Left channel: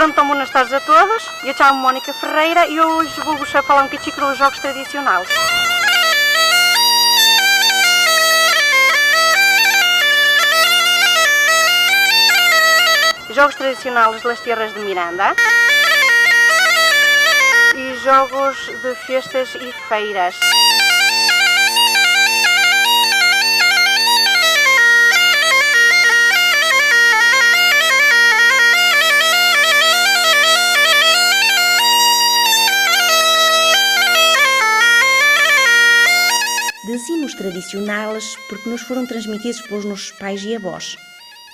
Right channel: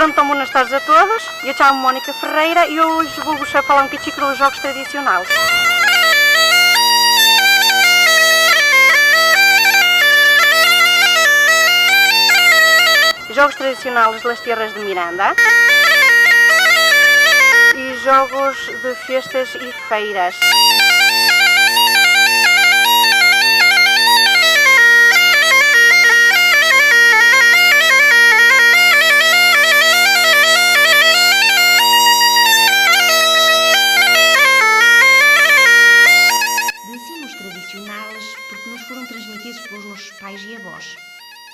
Ora, então, boas tardes a todos. Eu chamo-me Mónica Ferreira e hoje vou-vos falar um bocadinho dos jogos tradicionais. Jogos tradicionais das terras de Miranda e jogos de festas e feiras. Dizemos tradicionais porque nos foram transmitidos pelos nossos pais e avós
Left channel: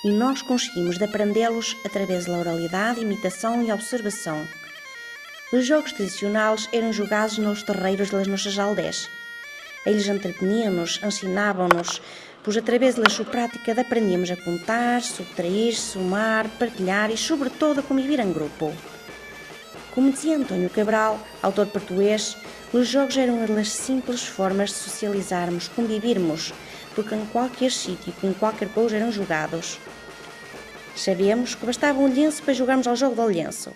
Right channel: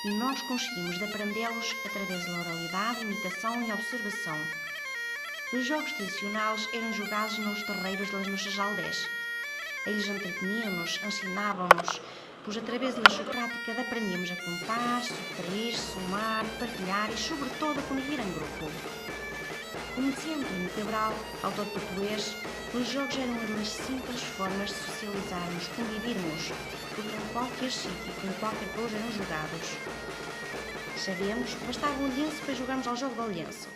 e nós conseguimos de aprendê-los através da oralidade, imitação e observação. Os jogos tradicionais eram jogados nos terreiros das nossas aldeias. Eles entreteniam-nos, ensinavam-nos, pois através da sua prática aprendíamos a contar, subtrair, somar, partilhar e, sobretudo, a conviver em grupo. Como dizia António Cabral, autor português, os jogos eram uma das simples formas de socializarmos, convivermos, porque em qualquer sítio e em qualquer coisa eram jogados. Sabemos que bastava um lenço para jogarmos ao jogo do lenço.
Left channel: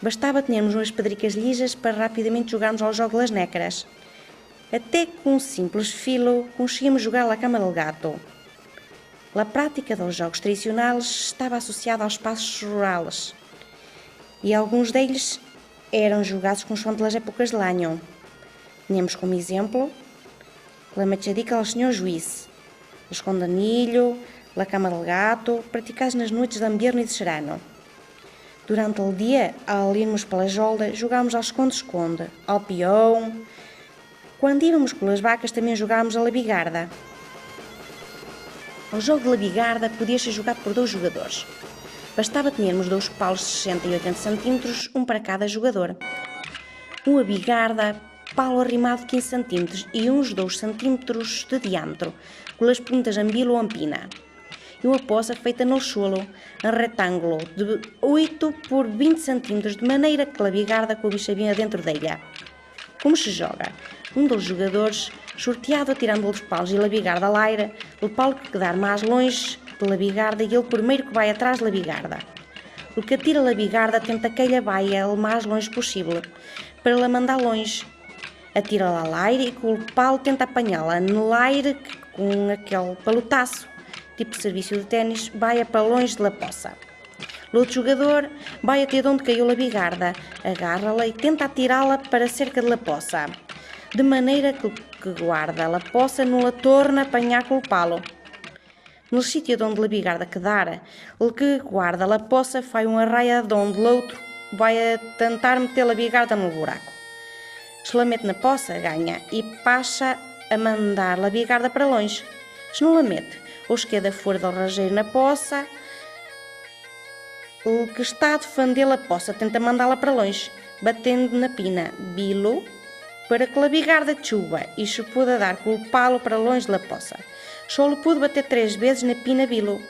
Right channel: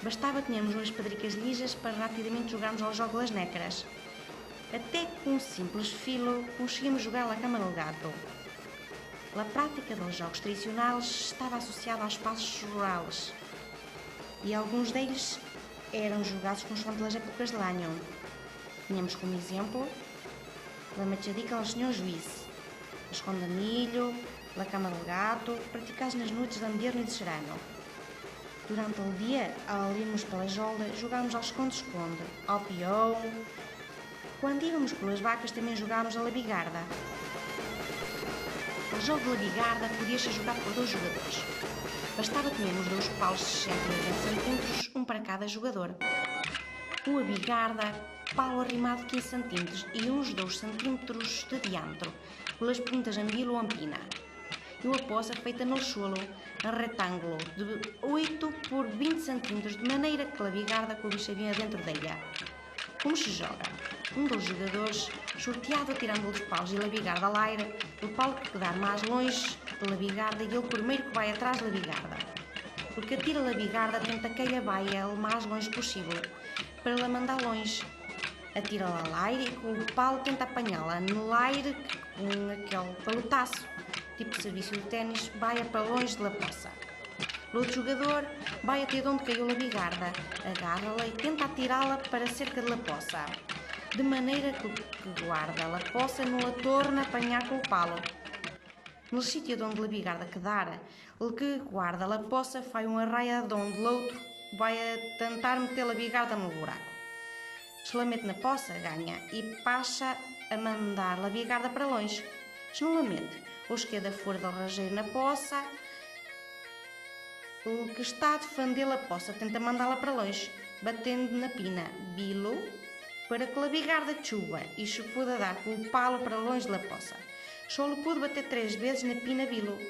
Bastava termos umas pedricas lisas para rapidamente jogarmos ao jogo das nécaras. Até com um simples filo conseguimos jogar à cama do gato. A prática dos jogos tradicionais estava associada aos espaços rurais e alguns deles eram jogados consoante as épocas de ano. Tínhamos como exemplo a machadica ao senhor juiz, o esconde-milho, a cama do gato, praticados nas noites de inverno e de serano. Durante o dia, ao irmos pela jolda, jogámos ao esconde-esconde, ao peão. Quando íamos com as vacas, também jogámos a labigarda. O jogo de labigarda podia ser jogado por 2 jogadores. Bastava termos 2 paus de 60 e 80 cm, um para cada jogador. Uma bigarda, pau arrimado de 15 cm e uns 2 cm de diâmetro, com as pontas ambilo ou ampina. E uma poça feita no solo, em retângulo, de 8 por 20 cm, de maneira que a bigarda coubesse bem dentro dela. Como se joga? Um dos jogadores, sorteado atirando os paus e a bigarda ao aire, o pau que quedar mais longe pela bigarda e ele primeiro que vai atrás da bigarda. O que atira a bigarda tenta que ela vá o mais longe possível, para ela mandar longe. Atira-la ao aire e com o pau tenta apanhá-la no aire com aquele palotaço, tipo serviço de ténis, vai para longe da poça. O outro jogador vai até onde caiu a bigarda, agarra-la e tenta atirá-la para cerca da poça, de maneira que guarda a poça não a torna a apanhar com o palo. No sítio onde a bigarda quedar, o que guarda a poça faz uma raia de onde o outro vai a tentar meter a bigarda no buraco. Se la mete na poça, ganha e passa a mandar a bigarda para longe. Se não la mete, ou se queda fora do rajeiro na poça, o que está a defender a poça tenta mandá-la para longe, batendo na pina bilo, para que a bigarda chuva e se puder dar com o palo para longe da poça. Só lhe pode bater 3 vezes na pina bilo.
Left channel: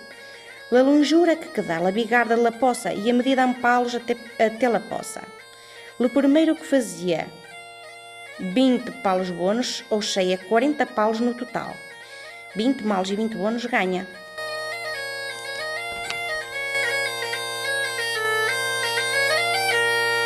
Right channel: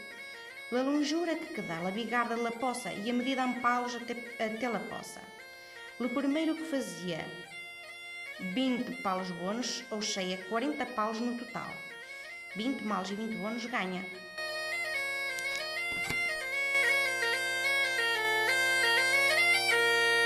A longura que dá a bigarda da poça e a medida em palos até a poça. O primeiro que fazia 20 palos bônus, ou seja, 40 palos no total. 20 malos e 20 bônus ganha.